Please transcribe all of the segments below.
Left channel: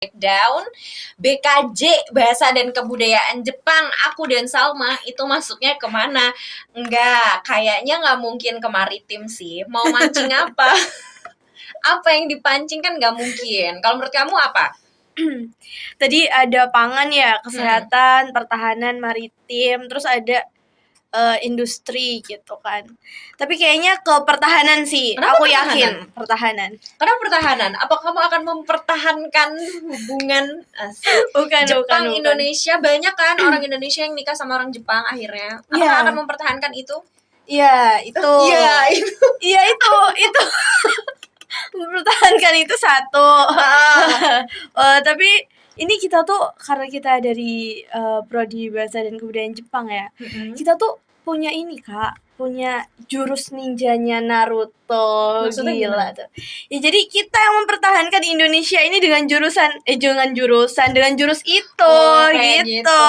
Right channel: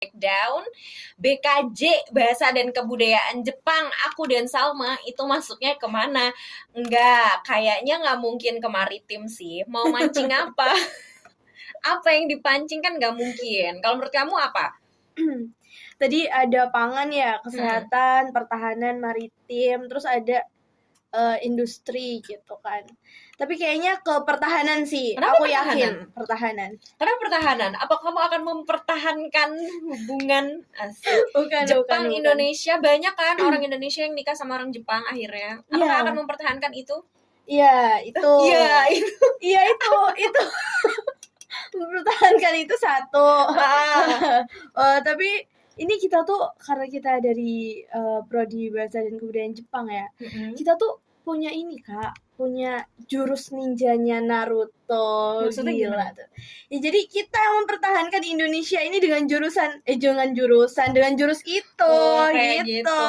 Breakdown BKJ Bahasa dan Kebudayaan Jepang. Aku dan Salma itu masuknya kemana? Enggak, kayaknya nggak mungkin ke maritim sih. Mau mancing apa? Apa yang dipancing kan nggak mungkin. Kalau menurut kamu apa? Tadi ada pangan ya, kesehatan, pertahanan, maritim, terus ada industri gitu kan. Tapi kayaknya ke pertahanan sih. Kenapa Aku pertahanan? yakin pertahanan. Kenapa pertahanan? Apa kamu akan mempertahankan hubungan Bukan. Jepang Indonesia? Banyak kan orang Indonesia yang nikah sama orang Jepang akhirnya. Apakah Iya. akan mempertahankan itu? Iya, itu. Itu. Iya, itu. Mempertahankan itu satu. Tapi ini kita tuh karena kita dari prodi bahasa dan kebudayaan Jepang ya. Kita tuh punya ini Kak, punya jurus ninjanya Naruto. Maksudnya Gila gimana? tuh. Ya jadi kita yang mempertahankan Indonesia ini dengan jurus itu Kayak gitu.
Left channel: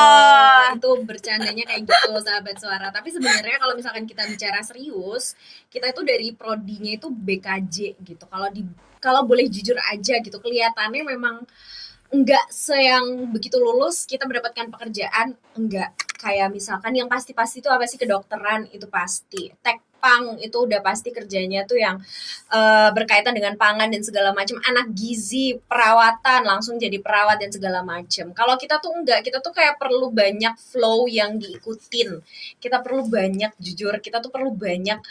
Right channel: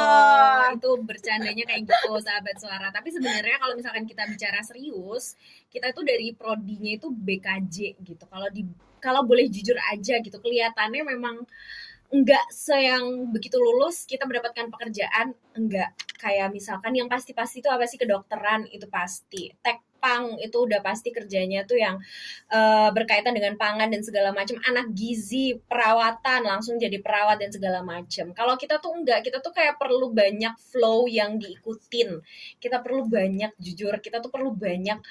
Itu bercandanya kayak gitu sahabat suara. Tapi sebenarnya kalau misalkan kita bicara serius, kita itu dari prodinya itu BKJ gitu. Kalau boleh jujur aja gitu, kelihatannya memang enggak seyang begitu lulus kita mendapatkan pekerjaan, enggak. Kayak misalkan yang pasti-pasti itu apa sih, kedokteran itu pasti. Tekpang itu udah pasti kerjanya tuh yang berkaitan dengan pangan dan segala macam, anak gizi, perawatan, langsung jadi perawat dan segala macam. Kalau kita tuh enggak, kita tuh kayak perlu banyak flow yang diikutin. Kita perlu banyak jujur, kita tuh perlu banyak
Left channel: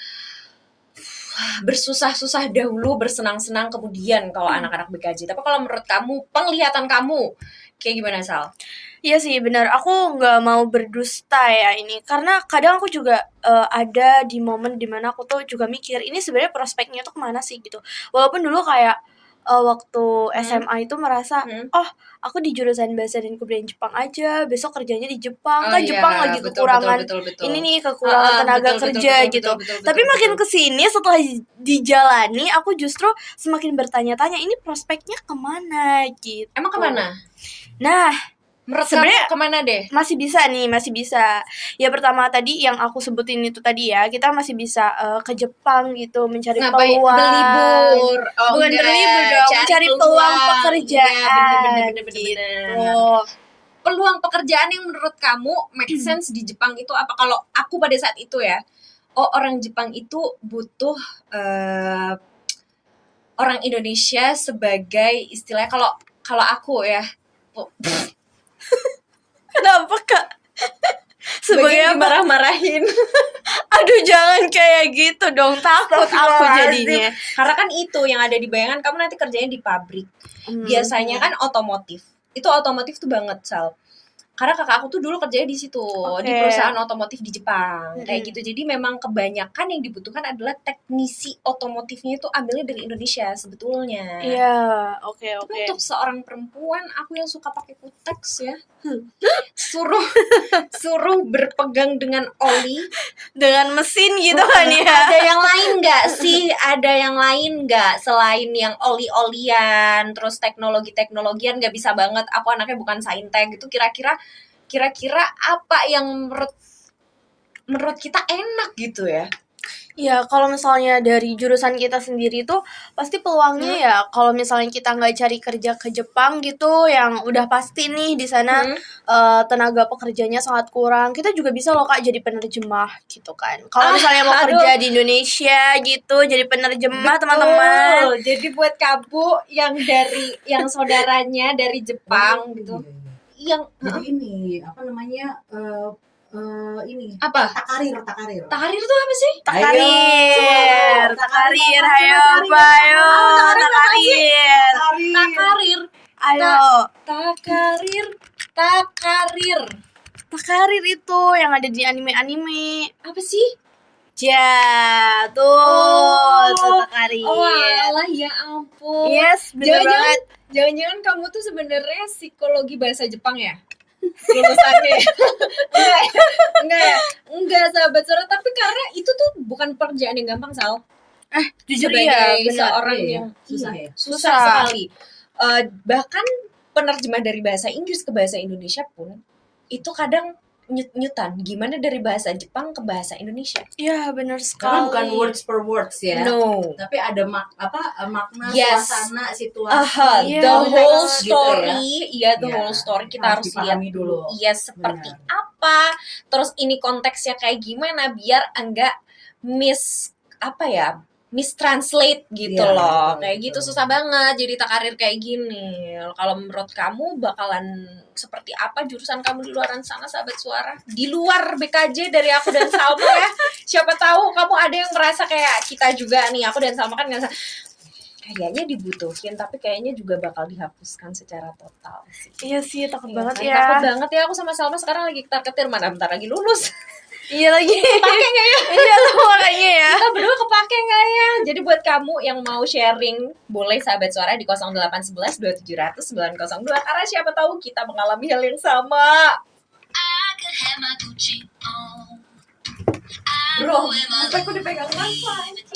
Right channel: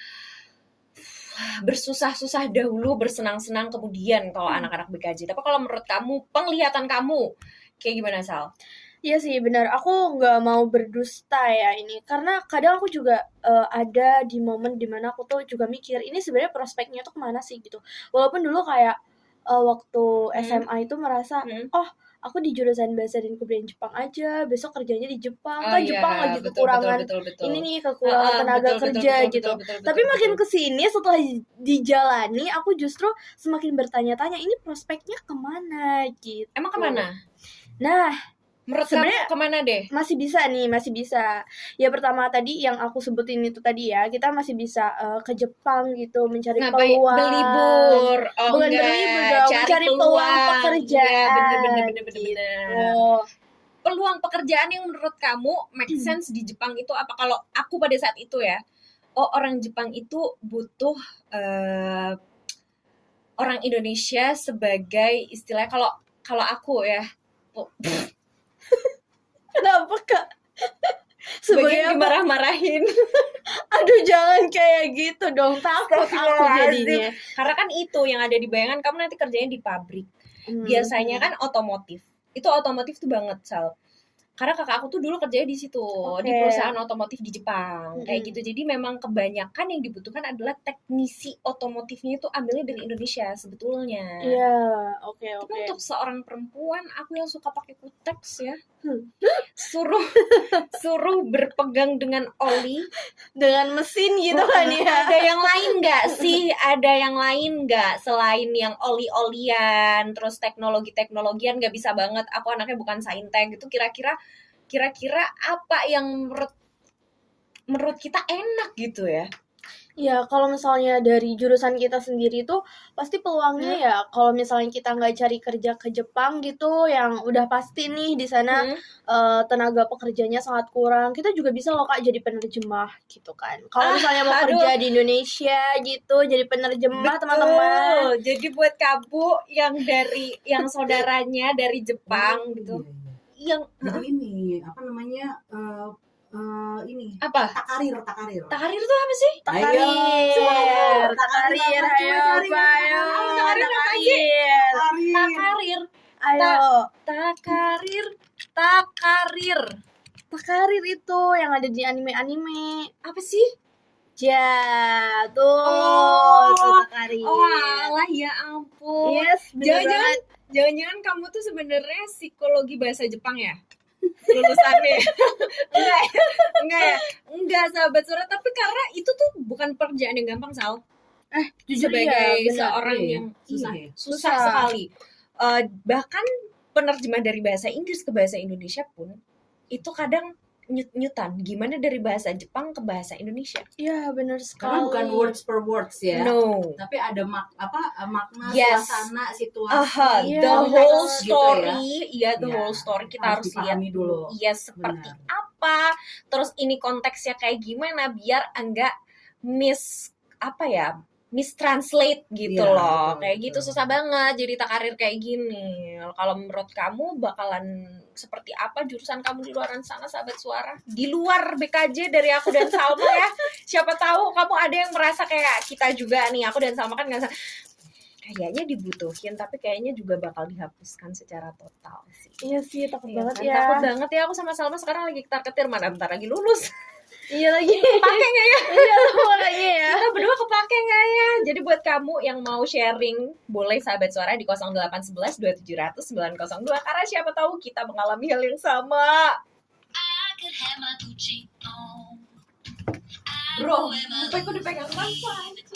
bersusah-susah dahulu, bersenang-senang kemudian kalau anak-anak BKJ. Tapi kalau menurut kamu, penglihatan kamu kayak gimana, Sal? Iya sih benar, aku nggak mau berdusta ya ini, karena kadang aku juga ada di momen dimana aku tuh juga mikir ini sebenarnya prospeknya tuh kemana sih gitu. Walaupun dulu kayak waktu SMA itu merasa oh aku di jurusan bahasa dan kebudayaan Jepang aja, besok kerjanya di Jepang, kan Jepang lagi kekurangan ini nih, kekurangan tenaga kerja gitu. Tapi makin kesini setelah dijalani aku justru semakin bertanya-tanya ini prospeknya kemana gitu. Emang kemana? Nah, Menurut sebenarnya kamu kemana deh? masih bisa. Ya pertama tadi yang aku sebutin itu tadi ya, kita masih bisa ke Jepang gitu, mencari Ngapain? peluang. Berlibur. Oh, Bukan enggak. berlibur dong, Cari mencari peluang pekerjaan. Gitu. Peluang pekerjaan yang menurut kamu make sense di Jepang itu apa? Kalau aku pada saat itu ya, orang Jepang itu butuh orang Indonesia sebagai istilahnya, kalau aku ya, Kenapa Kak? sebagai dimarah-marahin. Aduh jangan kayak gitu dong, takut aku jadinya. Karena kan itu yang ada di bayangan kamu nanti kerjanya di pabrik. Biasanya kan otomotif. Itu otomotif tuh banget, Sal. Karena kakak aku tuh dulu kerjanya di situ, di perusahaan otomotif di Jepang, kayak gitu. Jadi memang kebanyakan yang dibutuhkan adalah teknisi otomotifnya itu ambilnya dari Indonesia sebetulnya. Iya, oke. Tapi untuk seorang perempuan, aku yang suka pakai kutex ya, suruh berpegang dengan oli, dengan mesin gitu kan ya. Ada yang lain nggak sih? Ada yang lain nggak selain yang oli-olian, terus teknologian nggak bisa banget. Aku anaknya bukan saintek gitu. Kira-kira apa yang menurut kita enak gitu ya? Ya kalau misalnya dari jurusan kita sendiri tuh pasti peluangnya ya kalau misalnya kita nggak cari kerja ke Jepang gitu yang udah pasti nih di sana tenaga pekerjanya sangat kurang, kita juga bisa loh Kak jadi penerjemah gitu kan. Kalau misalnya mau kerja di Indonesia gitu jadi penerjemah teman-teman. Jadi buat kamu yang saudaranya dari Jepang gitu, yang jadi ini apa namanya ini apa? Takarir tuh apa sih? Takarir, ayo Takarir. Takarir itu yang ada di anime apa sih? Ja, tuh Takarir. Oh alah, ya ampun. Yes, bener banget. Jangan-jangan kamu tuh sebenarnya psikologi bahasa Jepang ya? Lulusannya. Enggak sahabat suara, tapi karena itu tuh bukan pekerjaan yang gampang, Sal. Jujur sebagai ya, seorang iya. yang Susah sekali. Bahkan penerjemah dari bahasa Inggris ke bahasa Indonesia pun itu kadang nyut-nyutan. Gimana dari bahasa Jepang ke bahasa Indonesia? Iya, benar Karena sekali. bukan words per words ya. No. Tapi ada makna, Yes. suasana, situasi. Aha, Iya, the benar. whole Gitu story, iya the Iya, whole story kita harus harus lihat dipahami dulu. Iya, seperti Benar. apa, terus ini konteksnya kayak gimana biar enggak mistranslate gitu Iya, loh. betul, Kayak betul. gitu susah banget jadi karir kayak gini. Kalau menurut kamu bakalan seperti apa jurusan kamu di luaran sana, sahabat suara? Di luar BKJ dari aku dan Salma ya. Siapa tahu kamu ada yang merasa kayak kita juga nih. Aku dan Salma kan ngerasa kayaknya dibutuhin, tapi kayaknya juga bakal dihapuskan secara total sih. Iya sih, takut Iya banget kan? ya. Takut banget ya, aku sama Salma sekarang lagi ketar-ketir, mana bentar lagi lulus. Iya lagi. Kepake nggak ya? Iya tuh makanya ya. Kita berdua kepake nggak ya? Jadi buat kamu yang mau sharing, boleh sahabat suara di 0811 2700 902, karena siapa tahu kita mengalami hal yang sama. Bro, aku dipegang wifi.